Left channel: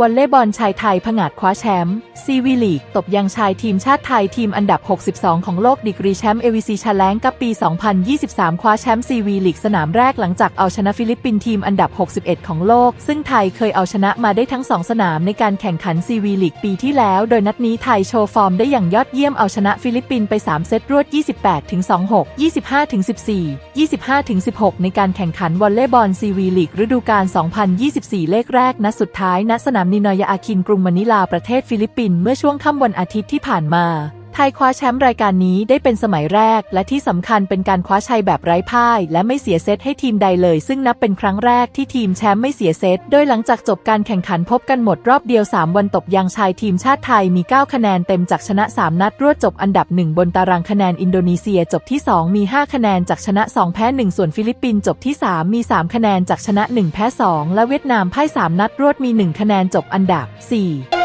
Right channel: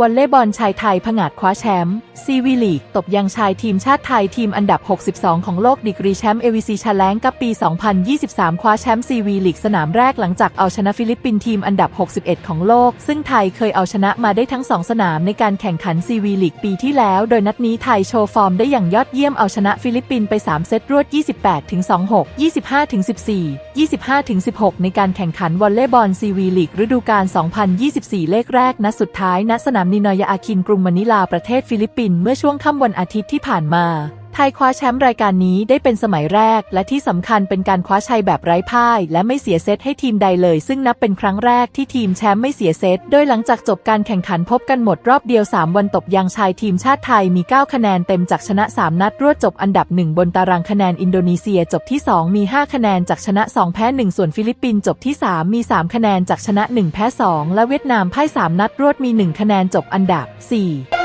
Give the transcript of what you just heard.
วอลเลย์บอลชายไทยผงาดคว้าแชมป์ซีวีลีก ตบยังชายทีมชาติไทยทีมอันดับ 62 ของโลกดีกรีแชมป์เอวีซีชาแลงกับปี 2023 คว้าแชมป์ซีวีลีกสนามแรกหลังจากเอาชนะฟิลิปปินส์ทีมอันดับ 61 ของโลก ซึ่งไทยเคยเอาชนะมาได้ทั้ง 2 สนามในการแข่งขันซีวีลีกปีที่แล้ว โดยนัดนี้ไทยโชว์ฟอร์มได้อย่างยอดเยี่ยมเอาชนะฟิลิปปินส์ไป 3 เซตรวด 28 26 25 14 25 16 ในการแข่งขันวอลเลย์บอลซีวีลีกฤดูกาล 2024 เลขแรกนัดสุดท้ายณสนามนินอยาอาคินกรุงมะนิลาประเทศฟิลิปปินส์เมื่อช่วงค่ำวันอาทิตย์ที่ผ่านมา ไทยคว้าแชมป์รายการนี้ได้เป็นสมัยแรก และที่สำคัญเป็นการคว้าชัยแบบไร้พ่าย และไม่เสียเซตให้ทีมใดเลย ซึ่งนับเป็นครั้งแรกที่ทีมแชมป์ไม่เสียเซตโดยหลังจากจบการแข่งขันพบกันหมดรอบเดียว 3 วันตบยังชายทีมชาติไทยมี 9 คะแนนเต็มจากชนะ 3 นัดรวดจบอันดับ 1 บนตารางคะแนนอินโดนีเซียจบที่ 2 มี 5 คะแนนจากชนะ 2 แพ้ 1 ส่วนฟิลิปปินส์จบที่ 3 มี 3 คะแนนจากชนะ 1 แพ้ 2 และเวียดนามพ่าย 3 นัดรวดมี 1 คะแนนจบอันดับ 4